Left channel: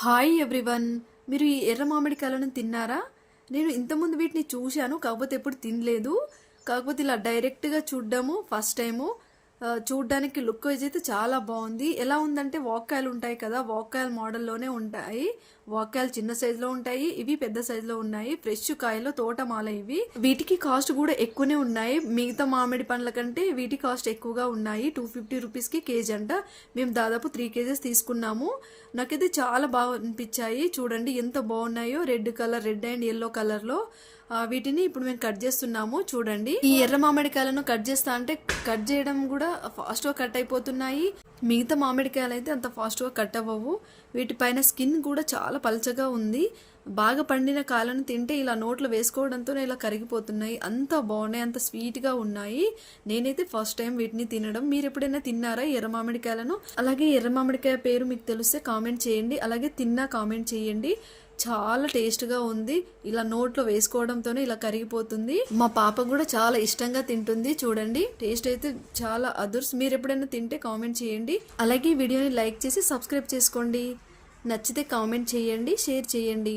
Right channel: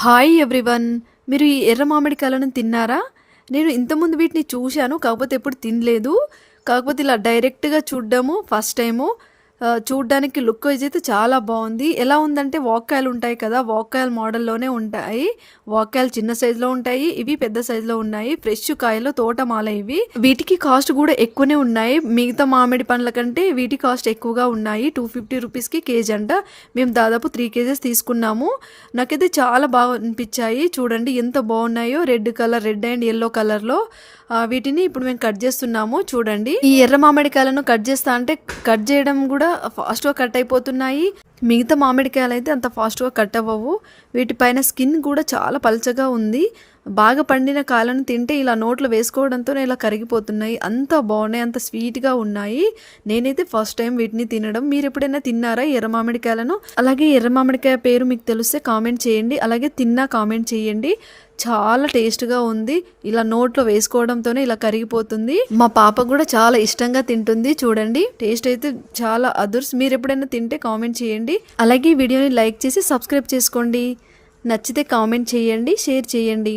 Hi everyone. మీరు ఈ ఎర్ర మామిడికాయలను తిన్నారా? నేను ఇంతకుముందు వీటిని చూశాను. కాకపోతే ఎప్పుడు తినలేదు. కాకపోతే ఇలా డైరెక్ట్‌గా చూడ్డము ఫస్ట్ టైము. చూడ్డానికి లుక్ వైజ్ అయితే చాలా బావుంది. ఎలా ఉందంటే వాక్కాయలు ఉంటాయి కదా! వాక్కాయల మోడల్‌లోనే ఉంటాయి. వాక్కాయలు చిన్న సైజులో ఉంటాయి. ఇవి పెద్ద సైజులో ఉన్నాయి. ఫ్రెష్ కాయలు తోటమాల ఇవి. వీటికి కాస్ట్ కూడా ఎక్కువనే ఉన్నాయి. మిగతా మామిడి పండ్ల కంటే వీటి కాస్ట్ ఎక్కువగా ఉన్నాయి. 250 రూపీస్‌కి కేజీ అంట. మేము దాదాపు 3 కేజెస్ తీసుకున్నాము. నాకైతే చాలా బాగా అనిపించాయి. చూడండి ఎంత బాగున్నాయో, red colour, red and yellow కలర్‌లో. వీటిని ఇప్పుడు మేము కట్ చేస్తున్నాము. చూడండి, ఈ ఎర్ర మామిడికాయలను కట్ చేస్తా అంటే కట్ చేయడం కూడా ఫాస్ట్‌గా కట్ అయిపోతున్నాయి. మిగతా మామిడికాయలు అయితే అంత ఫాస్ట్‌గా కట్ అవ్వవు. వీటిపైన స్కిన్ కూడా చాలా పల్చగా ఉంది. బాగా పండిన కాయలను తింటే ఇలా నోట్లో వేసుకోవడంతోనే ఇలా కరిగిపోతున్నాయి. అంత బాగున్నాయి, అంత స్వీట్గా ఉన్నాయి. నేనైతే ఫస్ట్ టైం వీటిని తినడం. మీరు ఎప్పుడైనా తిన్నారా ఎర్ర మామిడికాయలను? అలాగే ఎర్ర మామిడికాయ పేరు మీకు తెలిస్తే కామెంట్ చేయండి. అలాగే తిన్నా కామెంట్ చేయండి. చాలా టేస్ట్గా ఉంది. ఇలా నోట్లో వేసుకోవడంతోనే ఇలా కరిగిపోతుంది. మా పాప కూడా చాలా ఇష్టంగా తింటుంది. చూడండి, టేస్ట్ అయితే చాలా అదుర్స్. మీరు ఎప్పుడైనా తింటే కామెంట్ చేయండి. అలాగే వీడియోని లైక్ చేసి సబ్స్క్రైబ్ చేసుకోండి. నచ్చితే కామెంట్ చేయండి, షేర్ చేయండి.